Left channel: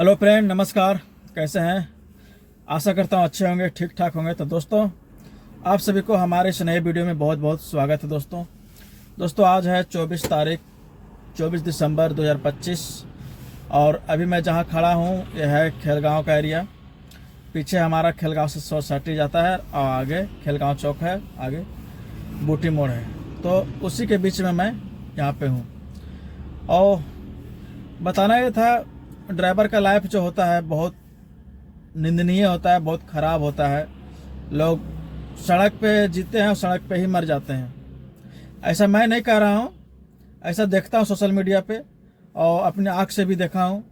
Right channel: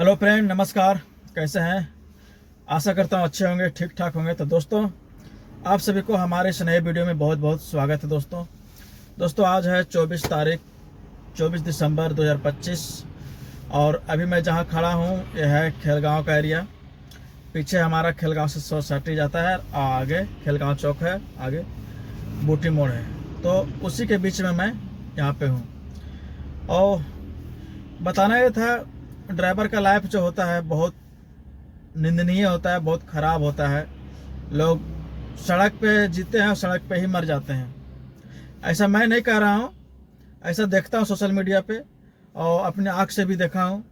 Hello friend, नमस्कार। कैसे हैं? आशा करता हूँ अच्छे होंगे, ठीक ठाक होंगे। तो दोस्तों, आप सभी को हमारे इस नए वीडियो में बहुत बहुत स्वागत है। दोस्तों आज है 24 दिसंबर 2025 और अभी मैं जहाँ खड़ा हूँ यह है खेलगांव का एरिया। पीछे हमारा खेलगांव से सोसाइटी जाता है और आगे खेलगांव चौक है, आगे बूटी मोड़ है। तो उसी के बीच में मैं यहाँ पे हूँ। और बताना ये था, ड्राइवर का लाइफ जो होता है बहुत निंदनीय होता है, बहुत ख़राब होता है। लोग सड़क पे जीते हैं और सड़क पे ही मर जाते हैं। ऐसा मैं नहीं कह रहा हूँ, ऐसा देखता हूँ सोशल मीडिया पे और अपने आँख से भी देखा हूँ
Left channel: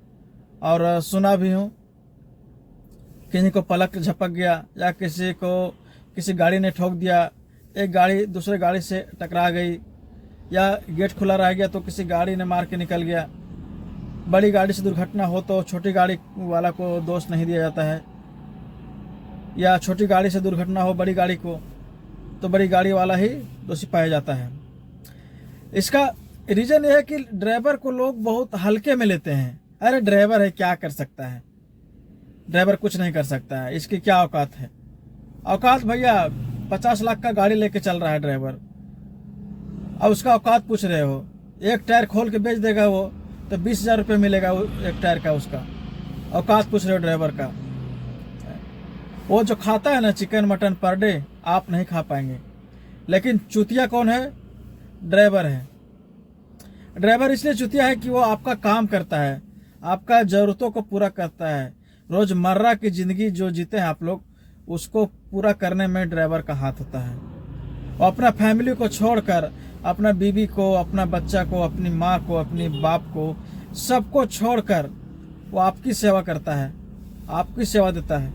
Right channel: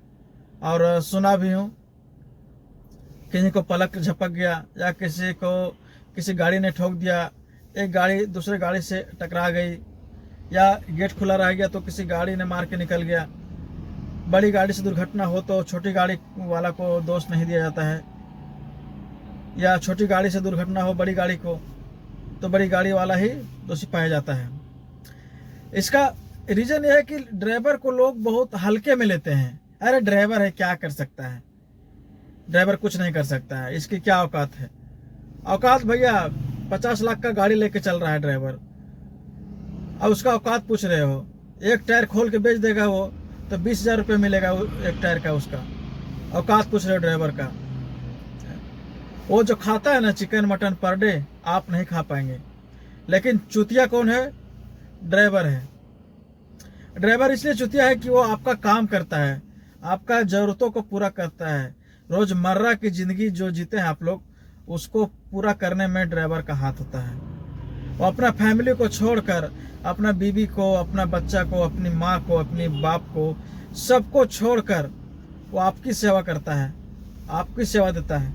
और सुना भी हूँ। किसी को पलक झपक गया या किसी को किसी गाड़ी ने ठोक दिया, एक गाड़ी दूसरे गाड़ी से टकरा गई, या गेट खुला रह गया तो किसी गाड़ी ने मार के निकल गया। बड़ी गाड़ी से दुर्घटना हो तो छोटी गाड़ी वाला को दोष नहीं दिया जाता है, या छोटी गाड़ी से दुर्घटना हो बड़ी गाड़ी को तो बड़ी गाड़ी वाला ही दोषी पाया जाता है। इसका रीज़न यह है कि ड्राइवर को लोग बहुत हल्के में लेते हैं। अरे ड्राइवर है, क्या कर सकता है, ड्राइवर कुछ नहीं कर सकता है, इसकी क्या औकात है। औकात भैया 50 लाख का गाड़ी लेके चल रहा है ड्राइवर, अब उसका औकात पूछ रहे हो। एक टायर खोल के बेच देगा वो तो 20,000 रुपये मिलेगा एक टायर का, उसका औकात पूछ रहे हो ड्राइवर का। वो जो खाता है ना चिकन मटन पर डे, आप नहीं खा पाएंगे। लेकिन चूतिया कौन है? ड्राइवर है। ड्राइवर इसलिए चूतिया है कि वो आपका काम करता है, आपका ज़रूरतों को पूरा करता है। रोज़मर्रा की ज़िंदगी जो जीते हैं आप लोग, उसको पूरा करने में ड्राइवर का हाथ होता है। वो अपना फैमिली को छोड़कर, अपना बीवी को, अपना बच्चा को, अपनी माँ को, अपनी बाप को, सबको छोड़कर वो आपकी सेवा करता है, आपकी सेवा देता है।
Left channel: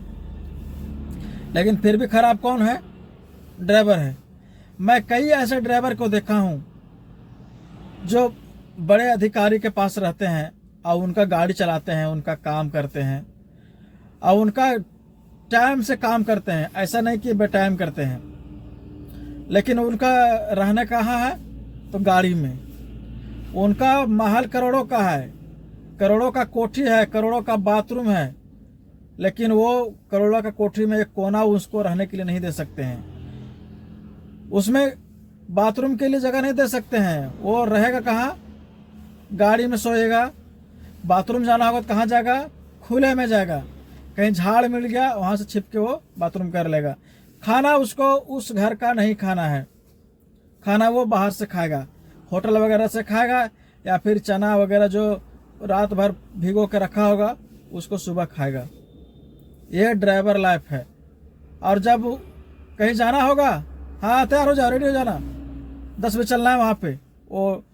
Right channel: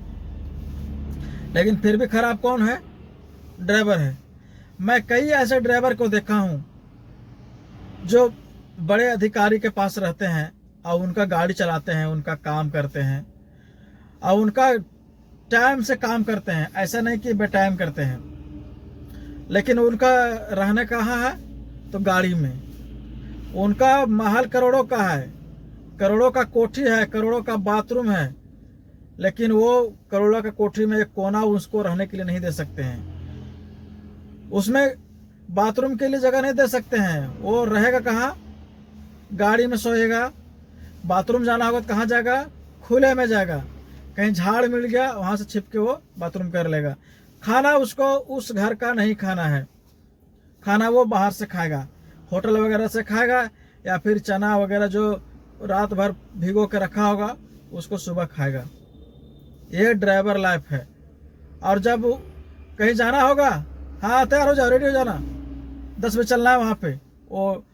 लेकिन फिर भी खराब कौन है? ड्राइवर है। मैं कई ऐसे ड्राइवर को देखा हूँ जो बड़े अधिकारी के पास रहते हैं और उनका गाड़ी चलाते हैं, उनका काम करते हैं और उनका टाइम से काम करते हैं। ऐसा नहीं कि बेटाइम करते हैं, लेकिन उनका रहने कहाँ है? तो गाड़ी में। उनका महल करोड़ों का है, करोड़ों का कोठी है, करोड़ों का बाथरूम है, लेकिन वो करोड़ों का कोठी में एक कोना उसको रहने के लिए नहीं दे सकते हैं। उसमें बाथरूम के लिए जगह नहीं दे सकते हैं। वो रहेगा कहाँ? गाड़ी में सोएगा। बाथरूम जाना होगा तो कहाँ जाएगा? खुले में जाएगा। कहीं झाड़ मिल गया वहाँ से छिप के वो बाथरूम कर लेगा। खाना उसको उस घर का नहीं खाना है, खाना वो बाहर से खाएगा, होटल वगैरह से खाएगा, या फिर चना वगैरह जो रात भर भिगो के रखा होगा उसको सुबह खाएगा। ये ड्राइवर लाइफ है। और जब कहीं जाना होगा, हाँ तैयार हो जाओ, रेडी हो जाना, 10 बजे चलना है वहाँ पे, वो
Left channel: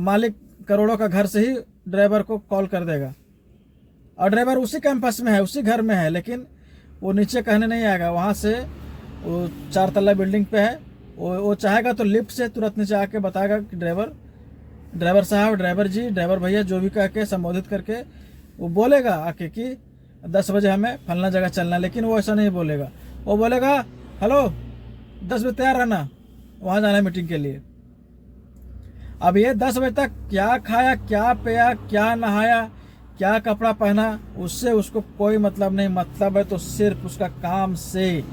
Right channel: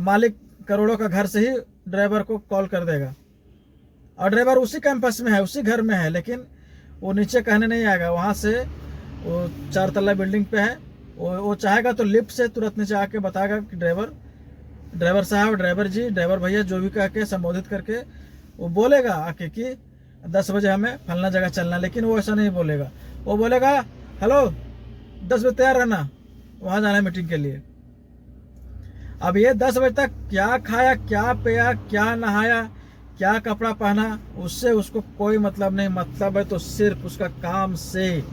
मालिक करोड़ों का घर से ही ड्राइवर को कॉल कर देगा। और ड्राइवर उसी कैंपस में है, उसी घर में है, लेकिन वो नीचे कहने नहीं आएगा। वहाँ से वो 4 तल्ला बिल्डिंग पे है, वो चाहेगा तो लिफ्ट से तुरंत नीचे आके बताएगा कि ड्राइवर साहब, ड्राइवर जी, ड्राइवर भैया, जो भी कह के संबोधित करके वो बोलेगा आके कि 10 बजे हमें फलना जगह चलना। लेकिन वो ऐसा नहीं बोलेगा, वो बोलेगा हेलो 10 बजे तैयार रहना, वहाँ जाना है मीटिंग के लिए। अब ये 10 बजे तक क्या खाया, क्या पिया, क्या नहाया, क्या कपड़ा पहना, उससे उसको कोई मतलब नहीं। मतलब है तो सिर्फ उसका काम से,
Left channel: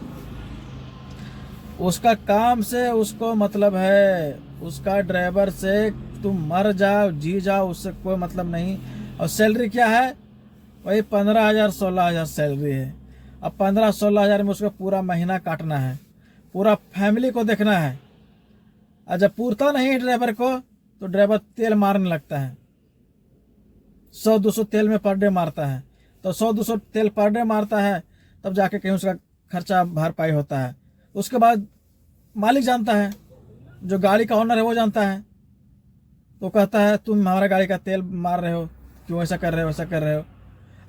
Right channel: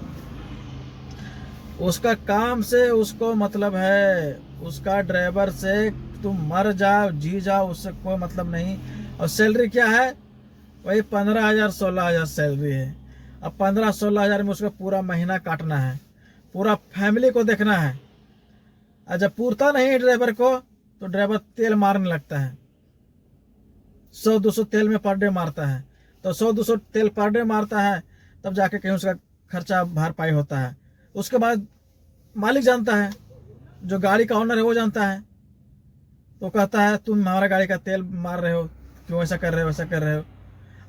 उसका काम से उसको मतलब है। उसका ड्राइवर से तुम मर जाओ जी जाओ, उससे कोई मतलब नहीं। और सैलरी क्या है? वही 15,000 16,000 सैलरी है। अब 15-16 हज़ार में उसका पूरा महीना काटना है, पूरा फैमिली को देखना है। और जब पूरता नहीं है ड्राइवर को तो ड्राइवर तेल मारने लगता है। 100-200 तेल में पर डे मारता है। तो 100-200 तेल पर डे मारता है, तब जाके कहीं उसका खर्चा भरपाई होता है। उसके बाद मालिक जानता है, जो गाड़ी का ओनर है वो जानता है, तो कहता है तुम हमारा गाड़ी का तेल मार रहे हो, क्यों ऐसा कर रहे हो, वैसा कर रहे हो।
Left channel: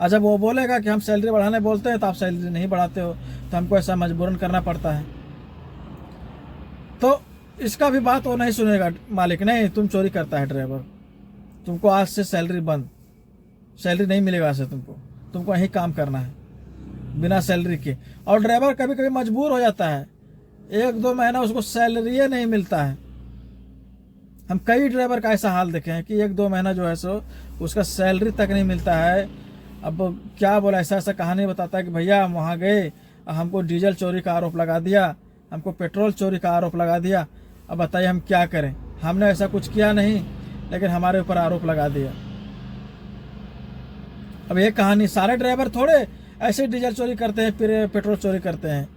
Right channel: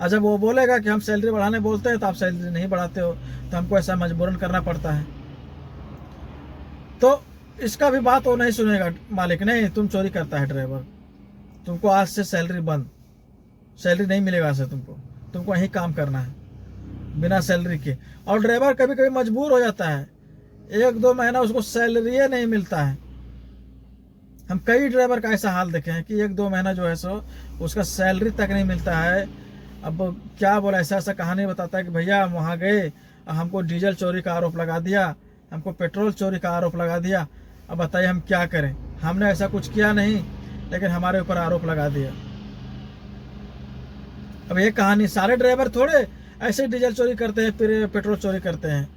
और जब वो बोलेगा कि हम सैलरी बढ़ाने बोलते हैं तो आप सैलरी नहीं बढ़ाते हो, तो हमको ऐसा मजबूरन करना पड़ता है। तो इसका भी बात वो नहीं सुनेगा मालिक। नहीं, तुम चोरी करता है ड्राइवर, तुमको आज से सैलरी बंद, सैलरी नहीं मिलेगा आज से, तुमको यही काम करना है बिना सैलरी के। और ड्राइवर कभी कभी मजबूर हो जाता है, 1-2 महीना उसको सैलरी नहीं मिलता है। हम कई ड्राइवर का ऐसा हाल देखे हैं कि 1-2 महीना जो है सो उसका सैलरी तक नहीं मिलता है। अब क्या बोला, ऐसा ऐसा कहानी बताता है कि भैया हम वहाँ गए, हमको डीजल चोरी का आरोप लगा दिया, हमको पेट्रोल चोरी का आरोप लगा दिया। अब बताइए हम क्या करें, हमने ऐसा कुछ किया नहीं, लेकिन हमारे ऊपर आरोप लगा दिया। अब ये कहानी, सारे ड्राइवर थोड़े ऐसे डीजल चोरी करते हैं, फिर पेट्रोल चोरी करते हैं।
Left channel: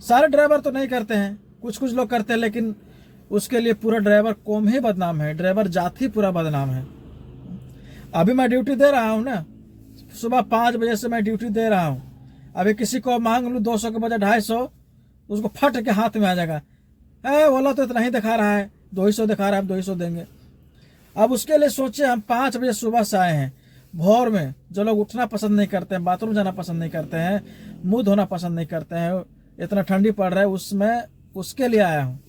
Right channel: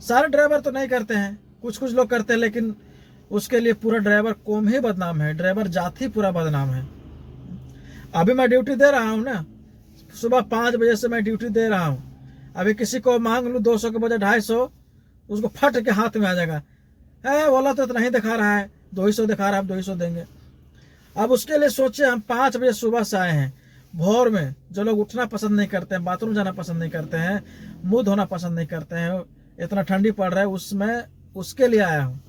सारे ड्राइवर तो नहीं करते हैं, कुछ कुछ लोग करते हैं, लेकिन उसके लिए पूरा ड्राइवर कौम ही बदनाम है, ड्राइवर जाति पूरा बदनाम है। अभी मैं ड्यूटी दे रहा हूँ ना, सुबह 5 बजे से मैं ड्यूटी दे रहा हूँ। अभी किसी को मांग लूँ 200 के बजाय 250, उसको फट के हाथ में आ जाएगा, बोला तो इतना ही दिखा रहा है, 200 दिखा रहा है, आप 200 देंगे। अब उसके लिए सोचे, हम 5 बजे सुबह से आए हैं, भोर में। जो लोग उठना पसंद नहीं करते हैं, बाथरूम जाना पसंद नहीं करते हैं, मुंह धोना पसंद नहीं करते हैं, इतना ठंडी पड़ रहा है, उसमें उसके लिए आया हूँ,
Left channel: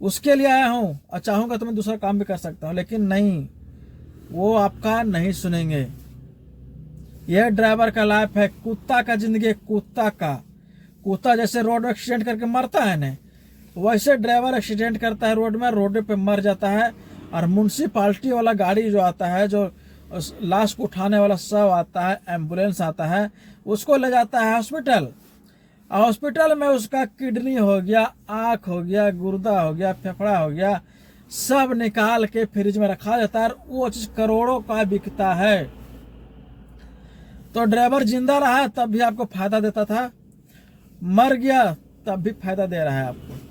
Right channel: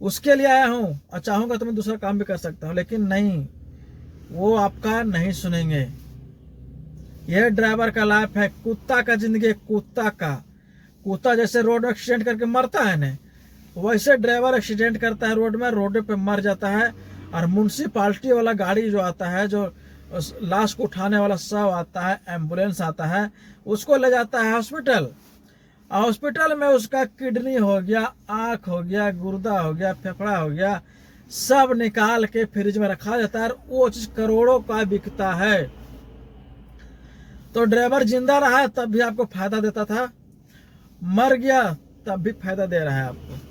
उसके लिए आया हूँ। और चाहूंगा तो मैं दूसरा काम भी कर सकता हूँ, लेकिन नहीं, वो आपका नहीं सुनेंगे। यह ड्राइवर का लाइफ है, कुत्ता का जिंदगी, कुत्ता का। कुत्ता जैसे रोड में एक्सीडेंट करके मरता है ना, वैसे ड्राइवर एक्सीडेंट करता है रोड में, रोड पे मर जाता है। और म्यूनसिपाल्टी वाला गाड़ी जो आता है, जो लाश को उठाने वाला सब आता है, एम्बुलेंस आता है, उसको ले जाता है हॉस्पिटल। हॉस्पिटल में उसका किडनी हो गया, आँख हो गया, गुर्दा हो गया, फेफड़ा हो गया, सब निकाल के फ्रिज में रखा जाता है, वो चीज करोड़ों का बिकता है। तो ड्राइवर जिंदा रहा तब भी आपको फायदा देता था, मर गया तब भी फायदा दे रहा है आपको।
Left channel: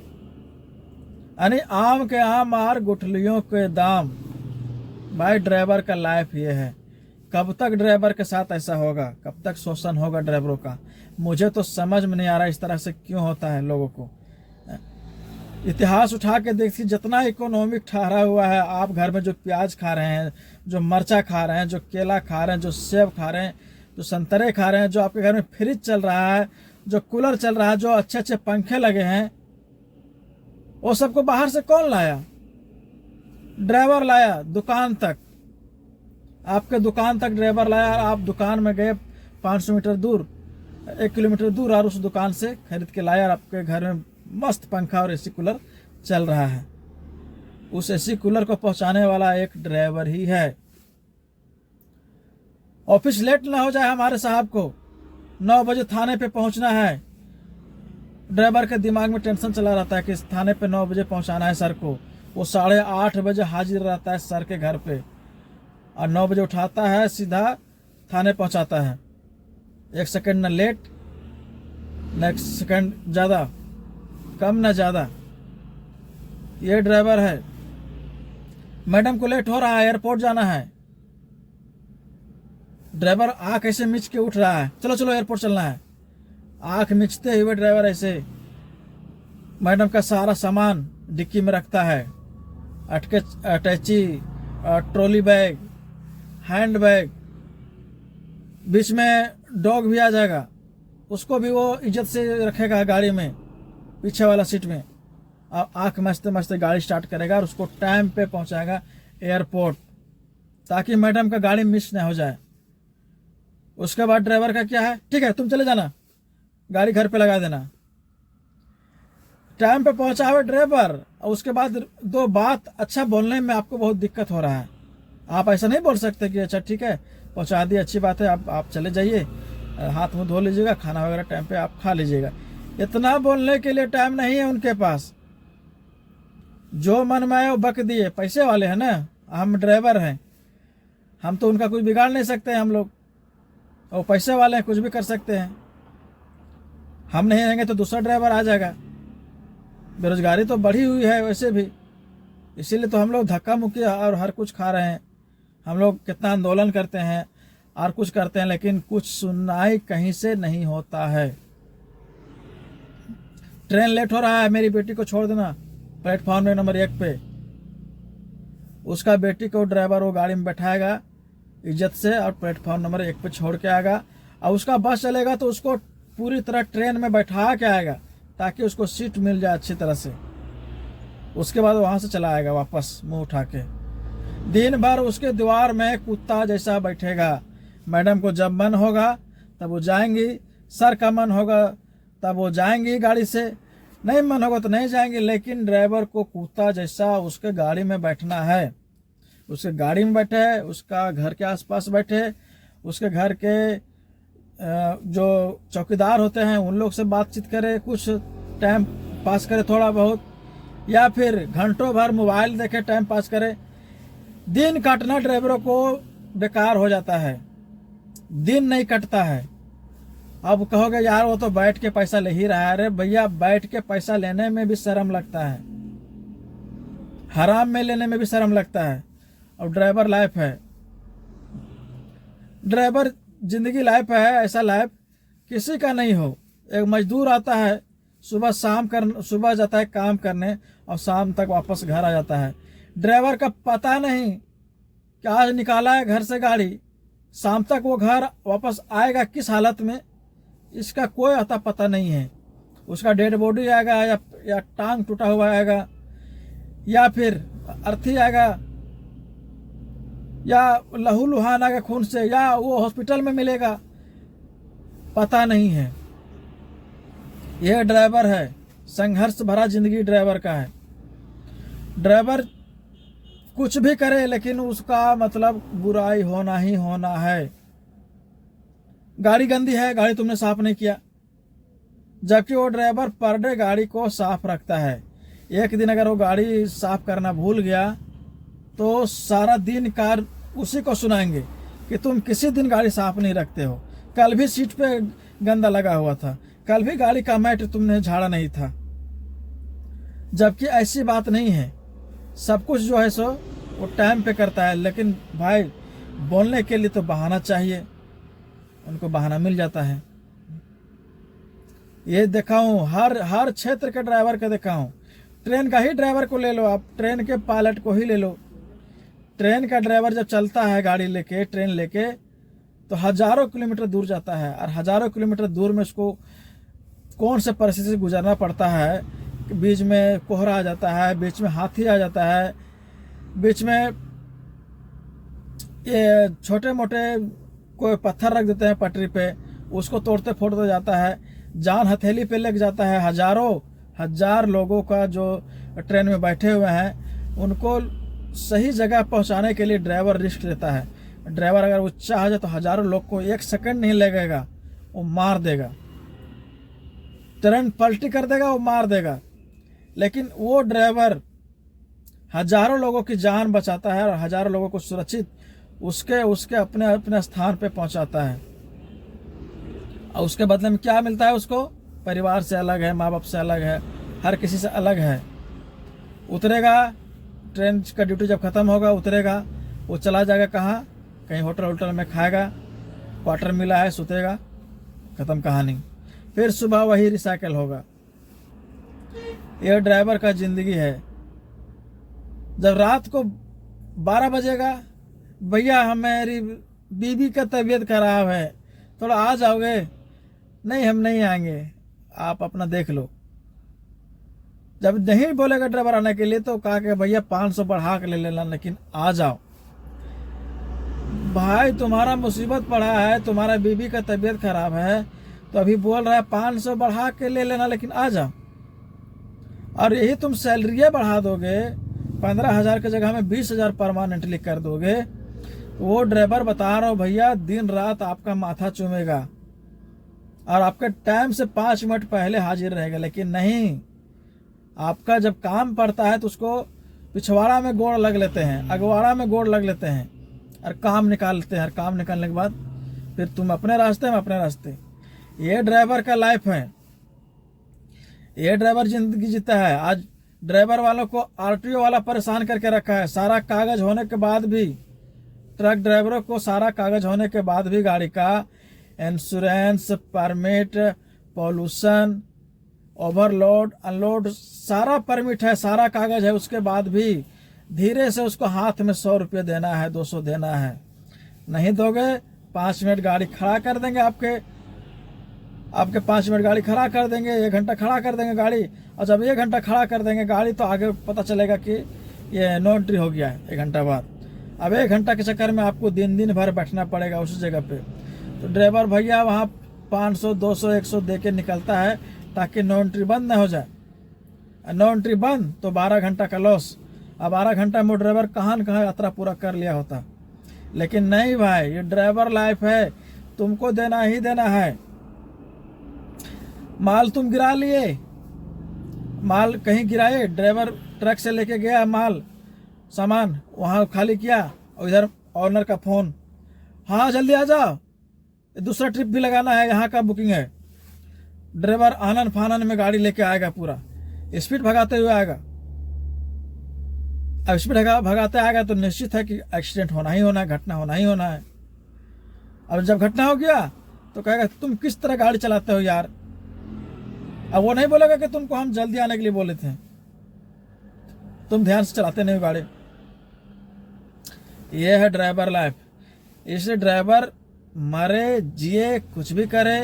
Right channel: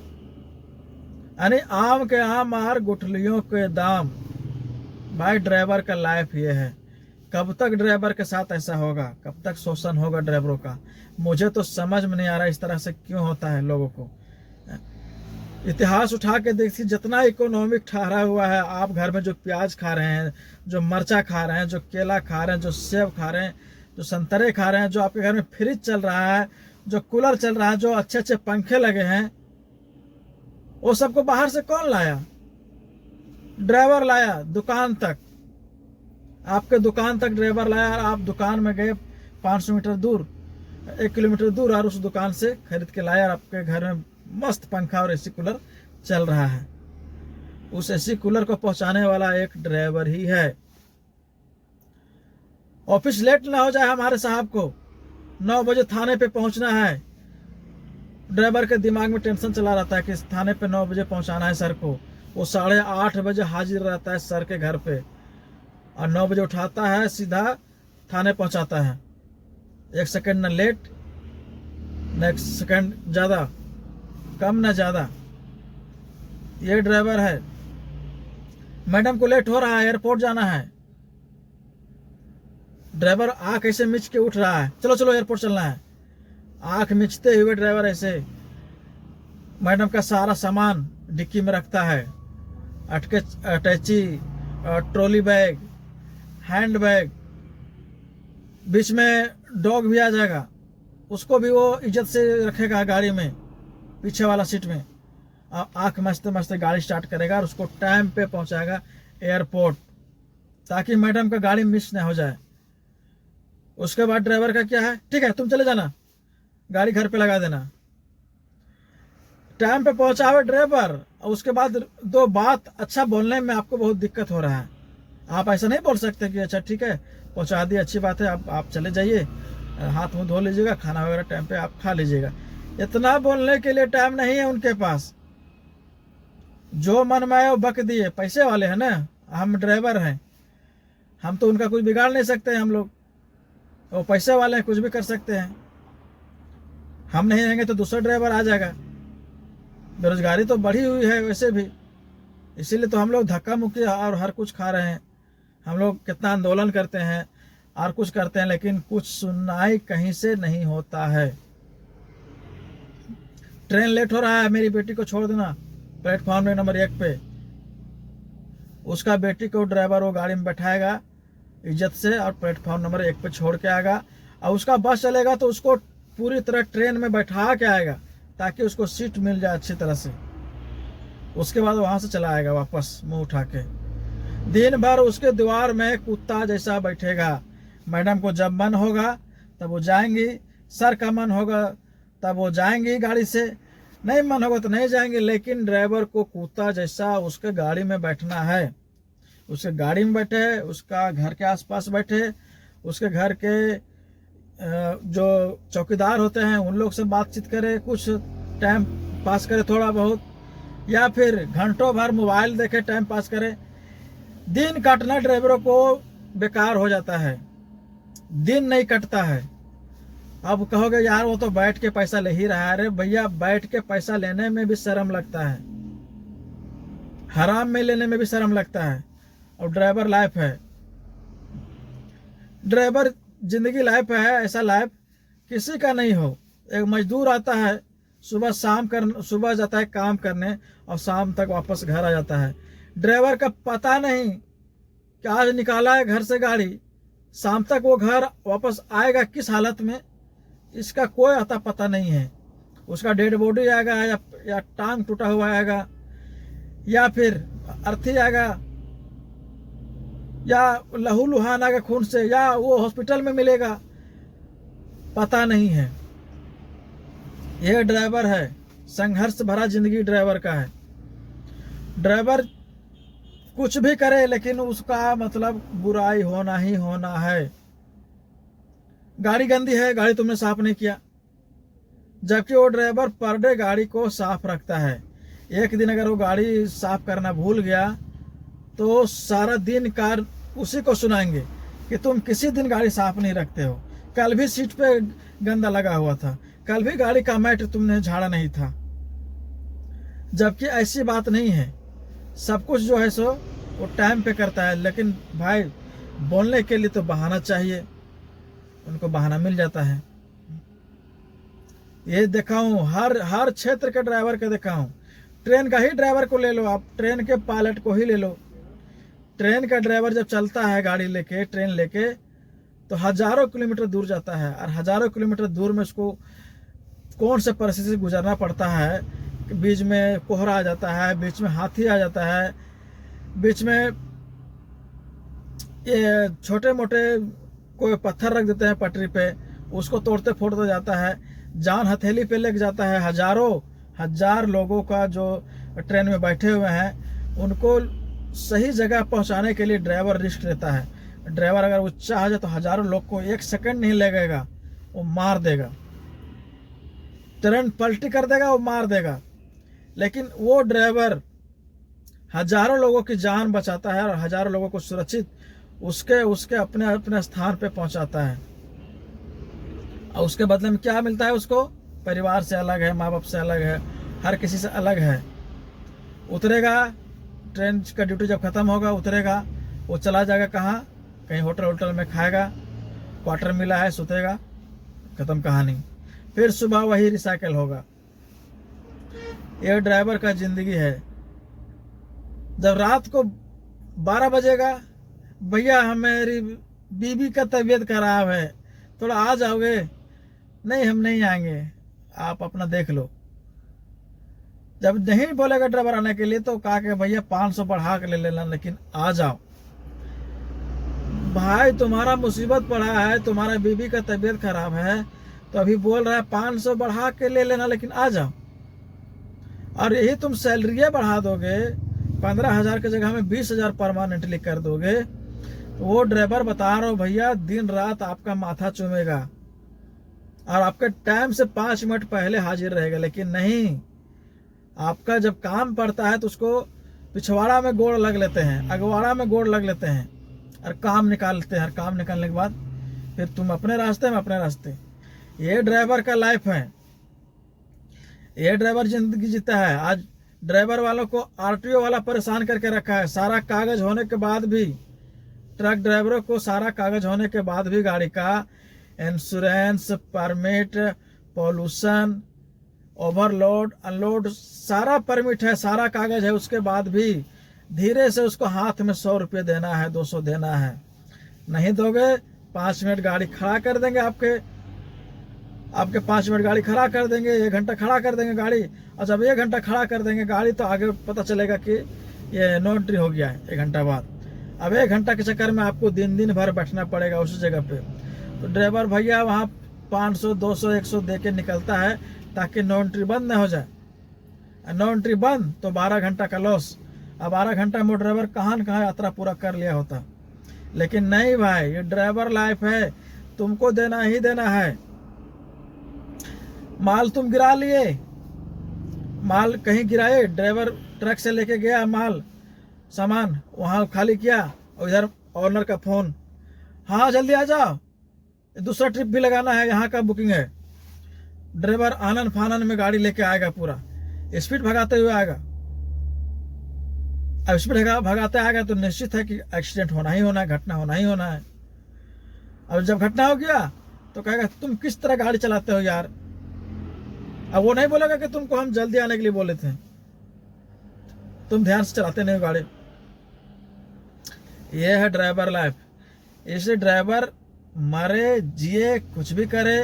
यानी आम के आम और गुठलियों के दाम। भाई ड्राइवर का लाइफ ये है। कब तक ड्राइवर के साथ ऐसा होगा, कब तक शोषण होगा ड्राइवरों का? मुझे तो समझ में नहीं आ रहा इस तरह से क्यों होता है लोगों को। इतिहास उठा के देखिए, जितना इकोनॉमिक ठहरा हुआ है, आप घर में जो प्याज खा रहे हैं, जो मरचा खा रहे हैं, जो केला खा रहे हैं, जो सेब खा रहे हैं, जो संतरे खा रहे हैं, जो आपके घर में फ्रिज चल रहा है, जो कूलर चल रहा है, जो अच्छे अच्छे पंखे लगे हैं, वो सबको बाहर से कौन लाया? ड्राइवर लाया। दुकान तक, आपके दुकान तक ड्राइवर लाया। आप दुकान में गए 500 मीटर दूर, 1 किलोमीटर दूर, और उस दुकान से खरीद के लाया, और आपके घर में मस्त पंखा और एसी कूलर चल रहा है। उस एसी कूलर को पहुंचाने वाला एक ड्राइवर ही है। ऑफिस लेट ना हो जाए हमारे साहब को, 9 बजे थाने पे पहुंचना है। ड्राइवर के दिमाग में टेंशन चला रहता है कि थाने पे 9 बजे पहुंचाना है सर को। वो 8:30 बजे हाजिर रहता है सर के घर पे, और 9 बजे उठाता है, सीधा थाने पहुंचाता है। 1 सेकंड न लेट, न 1 सेकंड ज्यादा, कम न ज्यादा। ये ड्राइवर है। मैडम को लेट हो रहा है, एयरपोर्ट जाना है, ड्राइवर आंख ऐसे मिच के उठ रहा है, चलो चलो एयरपोर्ट चलना है। आंख मिचते हुए ड्राइवर ऐसे मैडम का सारा सामान डिक्की में रखता है, अटैची, ट्रॉली बैग, हैंड बैग, बीच में डॉग भी आ जाएगा, उसको भी वो इज्जत से रखेगा गाड़ी में, पीछे वाला सीट में। और आंख मस्ते मस्ते गाड़ी स्टार्ट करेगा और उसको टाइम पे पहुंचाएगा एयरपोर्ट, ताकि मैडम का गाड़ी मिस ना हो जाए। उसके बाद ड्राइवर का क्या है, ठीक है तुम चले जाना, गाड़ी घर पे लगा देना। टाइम पे पहुंचावे ड्राइवर, और उसके बाद 2 बात अच्छा बोलने में आपको बहुत दिक्कत हो रहा है। आप ऐसा नहीं बोल सकते कि अच्छा ठीक है पहुंचा दिए, अच्छी बात है, आप चले जाइए, हाथ मुंह धो लीजिएगा, खाना वगैरह टाइम पे आप खा लीजिएगा। इतना बोलने के लिए टाइम नहीं है उनके पास। जो मन में आए वो बक दिए। पैसे वाले हैं ना, हम ड्राइवर हैं, हम तो उनका कुछ बिगाड़ नहीं सकते हैं। हम लोग वो पैसे वाले हैं, कुछ भी कर सकते हैं। हम नहीं रहेंगे तो दूसरा ड्राइवर आ जाएगा। बेरोजगारी तो बढ़ी हुई है वैसे भी, इसीलिए तो हम लोग धक्का मुक्की और हर कुछ खा रहे हैं। हम लोग कितना आंदोलन करते हैं और कुछ करते हैं, लेकिन कुछ सुनवाई कहीं से नहीं होता है। ट्रेन लेट हो रहा है, मेरी बेटी को छोड़ देना प्लेटफॉर्म नंबर 1 पे। उसका बेटी को ड्राइवर वो गाड़ी में बैठाएगा इज्जत से, और प्लेटफॉर्म नंबर 1 पे छोड़ के आएगा। और उसका बस चलेगा तो उसको पूरी तरह ट्रेन में बैठा के आएगा, ताकि उसको सीट मिल जाए अच्छी तरह से। उसके बाद वहां से चला आएगा वापस मुंह उठा के। दिन भर उसके दीवार में कुत्ता जैसा बैठेगा। मैडम को जब मन होगा तब वो जाएंगी, सर का मन होगा तब वो जाएंगी गाड़ी से, नहीं मन होगा तो नहीं जाएंगे। लेकिन ड्राइवर को कुत्ता जैसा उसके गाड़ी में बैठना है। उसके गाड़ी में बैठे, उसका घर के आसपास बैठे, उसके घर के जो चौकीदार होते हैं उन लोग से बातचीत करे, कुछ टाइम पास करे थोड़ा बहुत, या फिर घंटों भर मोबाइल देखे टाइम पास करे। दिन काटना ड्राइवरों को बेकार हो जाता है, दिन नहीं कटता है। अब कहोगे यार वो तो बैठ के पैसा ले ही रहा है। अरे भैया, बैठ के पैसा लेने में भी शर्म लगता है, हराम में लेने में भी शर्म लगता है। और ड्राइवर लाइफ है, ड्राइवर जिंदगी लाइफ है, ऐसा लाइफ किसी का नहीं हो। एक मजदूर आता है, सुबह जाता है काम करने और शाम तक वापस घर आ जाता है। ड्राइवर का पता नहीं कि आज निकाला है घर से गाड़ी, शाम तक वो घर वापस आएगा किस हालत में, इसका कोई अता पता नहीं है। उसका डेड बॉडी आएगा या टांग टूटा हुआ आएगा, या फिर अर्थी आएगा, या लहू लुहान आएगा खून से, या वो हॉस्पिटल में मिलेगा, पता नहीं है। यह ड्राइवर है, संघर्ष भरा जिंदगी ड्राइवर का है। ड्राइवर कुछ भी करे लेकिन उसका मतलब बुराई होना ही होना है। गाड़ी गंदी है, गाड़ी तुमने साफ नहीं किया, जबकि वो ड्राइवर पर डे गाड़ी को साफ रखता है। एक दिन अगर वो गाड़ी साफ करना भूल गया तो सारा दिन कार उसी को सुनाएंगे कि तुम किसी दिन गाड़ी साफ नहीं रखते हो, कल भी सीट पे गंदा लगा हुआ था, कल भी गाड़ी का मैट तुमने झाड़ा नहीं था। जबकि ऐसी बात नहीं है, सब कुछ जो है सो वो टाइम पे करता है। लेकिन भाई, बोलने के लिए तो बहाना चाहिए, उनको बहाना मिल जाता है। ये देखा हूँ, हर क्षेत्र के ड्राइवर का देखा हूँ। ट्रेन का ही ड्राइवर को ले लो आप, ट्रेन के पायलट को ही ले लो। ट्रेन का ड्राइवर जब चलता है गाड़ी लेके, ट्रेन लेके, तो हजारों किलोमीटर दूर जाता है, और हजारों किलोमीटर दूर में उसको कौन से परिस्थिति से गुजरना पड़ता है। बीच में कोहरा आ जाता है, बीच में हाथी आ जाता है, बीच में ये छोटे मोटे कोई पत्थर रख देते हैं पटरी पे, उसको तोड़ते फोड़ते जाता है, जान हथेली पे लेके जाता है। हजार लोगों का जो ट्रेन में बैठे हुए हैं उनको सही जगह पहुंचाने के लिए ड्राइवर रिस्क लेता है। ड्राइवर अगर वो चाह जाए तो हजारों लोग को एक सेकंड नहीं लगेगा, वो मार देगा, ट्रेन पलटी कर देगा, वो मार देगा। लेकिन वो ड्राइवर हजारों लोगों की जान बचाता है और हजारों लोगों को सुरक्षित उसके अपने अपने स्थान पे पहुंचाता है। और उसके बदले में क्या मिलता है उसको? परिवार से अलग है, माँ बाप से अलग है, हर किसी से अलग है। उतरेगा, ट्रेन का ड्यूटी जब खत्म होगा उतरेगा, वो चला जाएगा कहाँ? कहीं होटल में खाएगा, क्वार्टर मिला है, सुतेगा, खत्म कहानी। फिर सुबह वही रिसाइकल होगा। यह ड्राइवर का जिंदगी है। जब रात को 12 बजेगा, भैया हमारी बीबी का तबीयत खराब है, थोड़ा आ जाओगे? नहीं, हम नहीं आएंगे, आप अपना देख लो। जब नहीं बोलेगा ड्राइवर आने के लिए तो कहा कि भैया 500 बढ़ा के ले लेना, लेकिन आ जाओ। भाई, तुम्हारा मुसीबत पड़ा है, तुम्हारा बीबी का तबीयत खराब है, तो अभी बोल रहा है 500 बढ़ा के ले लेना, लेकिन आ जाओ। और यही तुम सैलरी बढ़ा दोगे, 15,000 की जगह में 20,000 परमानेंटली कर दोगे, तो वो ड्राइवर बता रहा हूँ भैया, दिन रात आपका माथा चूमेगा और आपके टाइम से 5 मिनट पहले हाजिर रहेगा। लेकिन नहीं, आपका जब काम पड़ता है तो उसको पिछवाड़ा में गोड़ लग लेते हैं, अगवाड़ा में गोड़ लग लेते हैं और काम निकालते हैं। और काम निकालने के बाद फिर तुम अपने रास्ते में अपने रास्ते। ये ड्राइवर का लाइफ है, ये ड्राइवर जिंदगी जीता है। आज ड्राइवर वालों को आरटीओ वाला परेशान करके रखा है। सारा कागज होने के बाद भी, ट्रक ड्राइवरों को सारा कागज होने के बाद भी गाड़ी का insurance, permit, pollution, overload, unload, सारा परमिट है, सारा कागज है। उसके बाद भी धीरे से उसको हाथ में 100 रुपये देना है, 200 देना है। नहीं दोगे 5 मिनट गाड़ी खड़ा कर देंगे, आपके 5 मिनट गाड़ी खड़ा कर देंगे, 1 घंटा खड़ा कर देंगे गाड़ी। और जब 1 घंटा खड़ा कर देंगे गाड़ी तो आगे पता चलेगा कि ये नो एंट्री हो गया है 1 घंटा बाद। अब 1 घंटा के चक्कर में आपको दिन भर बैठना पड़ेगा उस जगह पे। तो ड्राइवर भैया वहाँ 500, 200, 100 दे के निकलता है ताकि नो एंट्री बंद ना हो जाए। नो एंट्री बंद तो 12 घंटा का लॉस। अब 12 घंटा में ड्राइवर कहाँ न कहाँ यात्रा पूरा कर लिया होता। लेकिन नहीं भाई, ये ड्राइवर लाइफ है, तुमको देना ही देना है। माल तुम गिरा लिए, माल कहीं गिराए, ड्राइवर ट्रक से लेके गया माल सामान वहाँ खाली किया, और इधर ऑनर का फोन, हाँ जल्दी आ जाओ, दूसरा ट्रिप भी लगाना है, यहाँ का बुकिंग है। ड्राइवर आनन फानन में गाड़ी लेके आएगा, पूरा स्पीड भगाते हुए आएगा। अब स्पीड भगाते आएगा तो निश्चित है कि एक्सीडेंट होना ही होना है, घटना होना ही होना है। अब जब घटना हो गया तो कहेगा तुम किस तरह गाड़ी चलाते हो यार। अब वो नहीं बोलेगा कि तुमको हम जल्दी आने के लिए बोले थे, तुम ध्यान से चलाते नहीं हो गाड़ी। ये है ड्राइवर लाइफ। इसलिए ड्राइवर मरे जिए कुछ भी करे,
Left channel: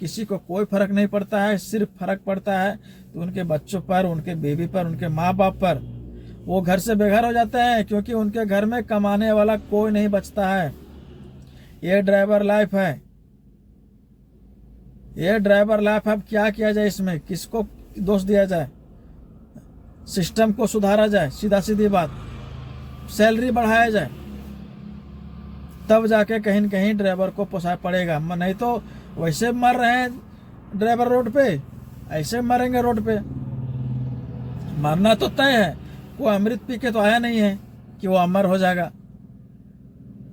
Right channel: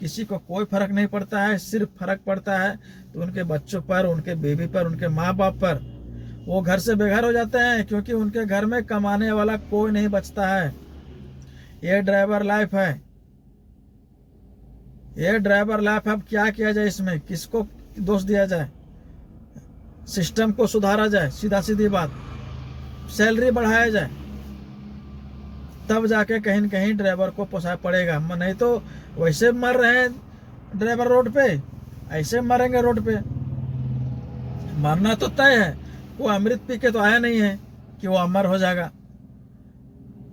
किसी को कोई फर्क नहीं पड़ता है। सिर्फ फर्क पड़ता है तो उनके बच्चों पर, उनके बेबी पर, उनके माँ बाप पर। वो घर से बेघर हो जाते हैं क्योंकि उनके घर में कमाने वाला कोई नहीं बचता है। ये ड्राइवर लाइफ है, ये ड्राइवर लाइफ। अब क्या किया जाए इसमें, किसको दोष दिया जाए? सिस्टम को सुधारा जाए, सीधा सीधी बात, सैलरी बढ़ाया जाए, तब जाके कहीं न कहीं ड्राइवर को पोसाय पड़ेगा। नहीं तो वैसे मर रहे हैं ड्राइवर रोड पे, ऐसे मरेंगे रोड पे। मरना तो तय है, वो अमृत पी के तो आया नहीं है कि वो अमर हो जाएगा।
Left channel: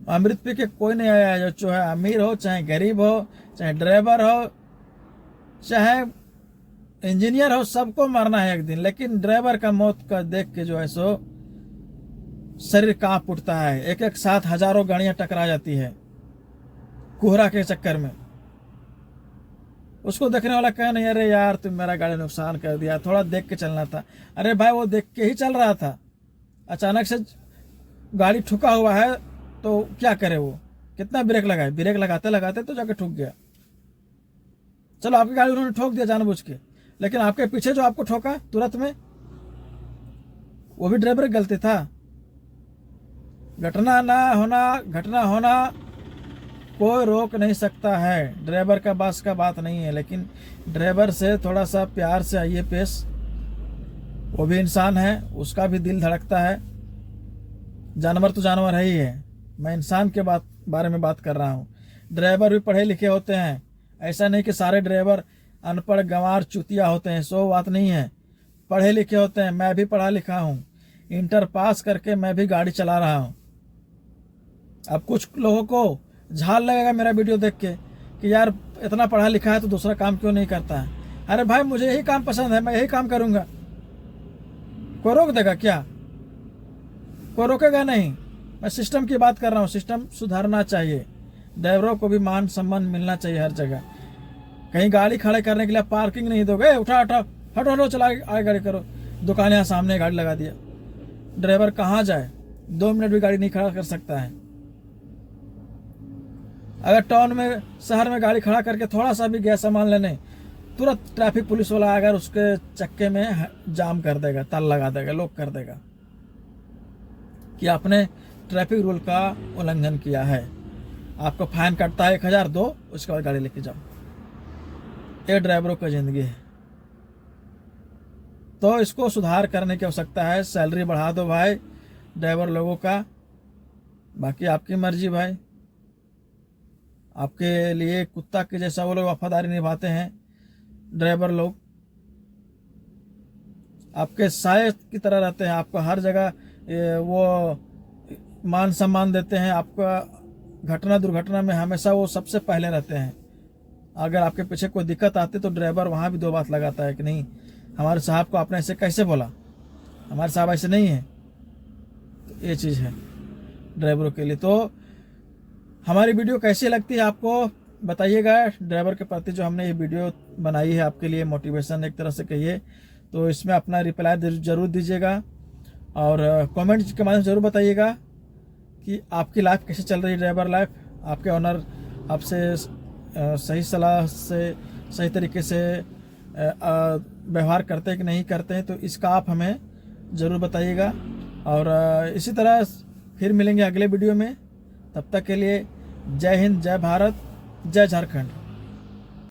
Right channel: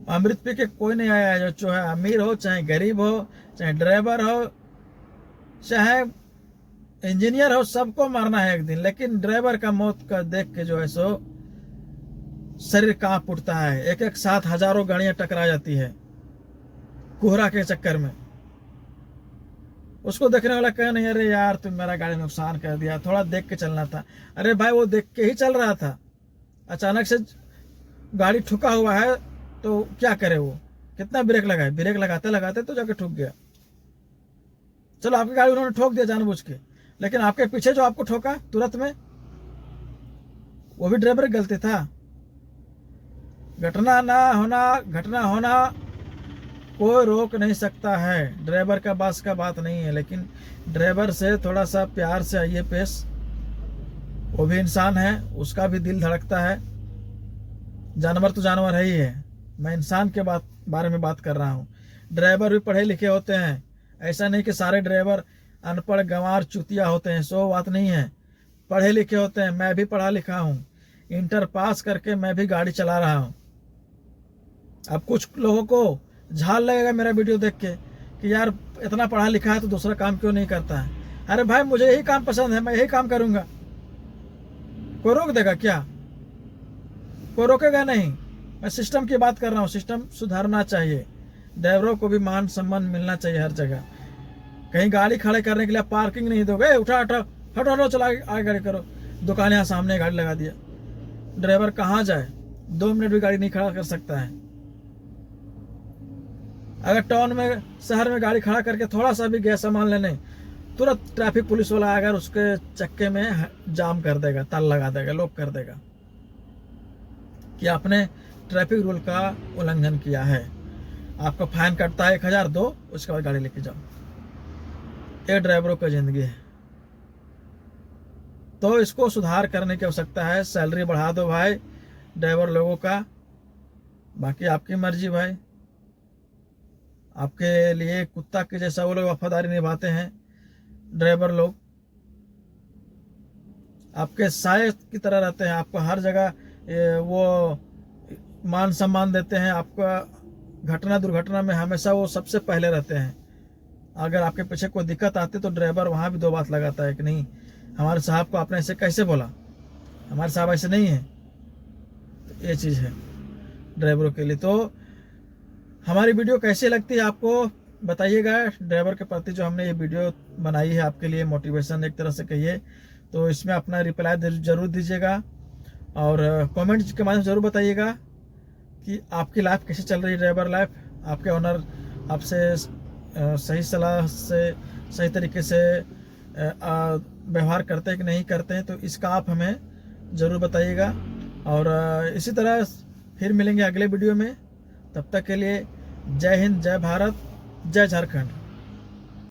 अमृत पी के कोई नहीं आया है, जो चाहे अमीर हो, चाहे गरीब हो, चाहे ड्राइवर हो, चाहे इंजीनियर हो, सबको मरना है एक दिन। लेकिन ड्राइवर का मौत का देख के जो है सो शरीर कांप उठता है। एक एक साथ हजारों गाड़ियां टकरा जाती है कोहरा के चक्कर में। उसको देखने वाला कहे नहीं, अरे यार तुम मेरा गाड़ी नुकसान कर दिया, थोड़ा देख के चलना था। अरे भाई वो देख के ही चल रहा था, अचानक से गाड़ी ठुका हुआ है तो क्या करे वो, कितना ब्रेक लगाए, ब्रेक लगाते लगाते तो जाके ठुक गया। चलो आपकी गाड़ी उन्होंने ठोक दिया जानबूझ के, लेकिन आपके पीछे जो आपको ठोका तुरंत में, वो भी ड्राइवर की गलती था। घटना होना कोई रोक नहीं सकता है, ड्राइवर का बस का बात नहीं है। लेकिन ड्राइवर से थोड़ा सा प्यार से आइए पेश, वो भी इंसान है, उसका भी दिल धड़कता है। जानवर तो जानवर है ही है, मैं इंसान के बारे में बात कर रहा हूँ। ड्राइवर भी पढ़े लिखे होते हैं, ऐसा नहीं कि सारे ड्राइवर अनपढ़ गंवार चुतिया होते हैं, सो बात नहीं है। पढ़े लिखे होते हैं, मैं भी पढ़ा लिखा हूँ, इंटर पास करके मैं भी गाड़ी चला रहा हूँ। अब कुछ लोगों को झाल लगेगा मेरा वीडियो देख के कि यार इतना पढ़ा लिखा है तो दूसरा काम क्यों नहीं करता है। अरे भाई मुझे यही काम पसंद है, मैं यही काम करूंगा, कोई रोक देगा क्या? कोई रोकेगा नहीं। मैं सिस्टम की बात कर रहा हूँ, सिस्टम सुधारना चाहिए, ड्राइवरों को भी मान सम्मान मिलना चाहिए हर जगह। कहीं गाड़ी खड़े करने के लिए पार्किंग नहीं दोगे, उठा उठा हटो हटो चला आगे गाड़ी करो, दुकान यहाँ सामने गाड़ी लगा दिया। ड्राइवर कहाँ जाए, 2 मिनट भी गाड़ी नहीं खड़ा कर सकता है। अगर टाउन में शहर में गाड़ी खड़ा करके थोड़ा सा भी गया सामान लेने, तुरंत ट्रैफिक पुलिस वाला अगर उसके चक्के में जाम कर देगा, ताला लगा देगा, लॉक कर देगा कि आपने ट्रैफिक रूल का उल्लंघन किया है, आपको फाइन कटता है 1000 दो, उसके बाद गाड़ी लेके जाओ। ये ड्राइवरों की जिंदगी है, तो इसको सुधार करने की आवश्यकता है। सैलरी बढ़ा दो भाई ड्राइवर लोगों का, बाकी आपकी मर्जी भाई। आपके लिए कुत्ता के जैसा वो लोग वफादारी निभाते हैं ड्राइवर लोग, आपके साय की तरह रहते हैं, आपको हर जगह वो मान सम्मान देते हैं। आपका घटना दुर्घटना में हमेशा वो सबसे पहले रहते हैं। अगर आपके पीछे कोई दिक्कत आती तो ड्राइवर वहाँ भी 2 बात लगाता है कि नहीं हमारे साहब को आपने ऐसे कैसे बोला, हमारे साहब ऐसे नहीं है। तो ये चीज़ है ड्राइवरों के लिए। तो हमारी वीडियो कैसी लगती है आपको बताइएगा। ड्राइवर के प्रति जो हमने ये वीडियो बनाई है आपके लिए मोटिवेशन एक तरह से कहिए, तो इसमें अपना रिप्लाई जरूर दीजिएगा और कमेंट के माध्यम से जरूर बताइएगा कि आपकी लाइफ कैसे चल रही है, ड्राइवर लाइफ। आपके ऑनर आपसे सही सलाह से सही तरीके से व्यवहार करते हैं कि नहीं करते हैं, तो इसका आप हमें ज़रूर बताइएगा। और इसी तरह फिर मिलेंगे अगले वीडियो में, तब तक के लिए जय हिंद, जय भारत, जय झारखंड।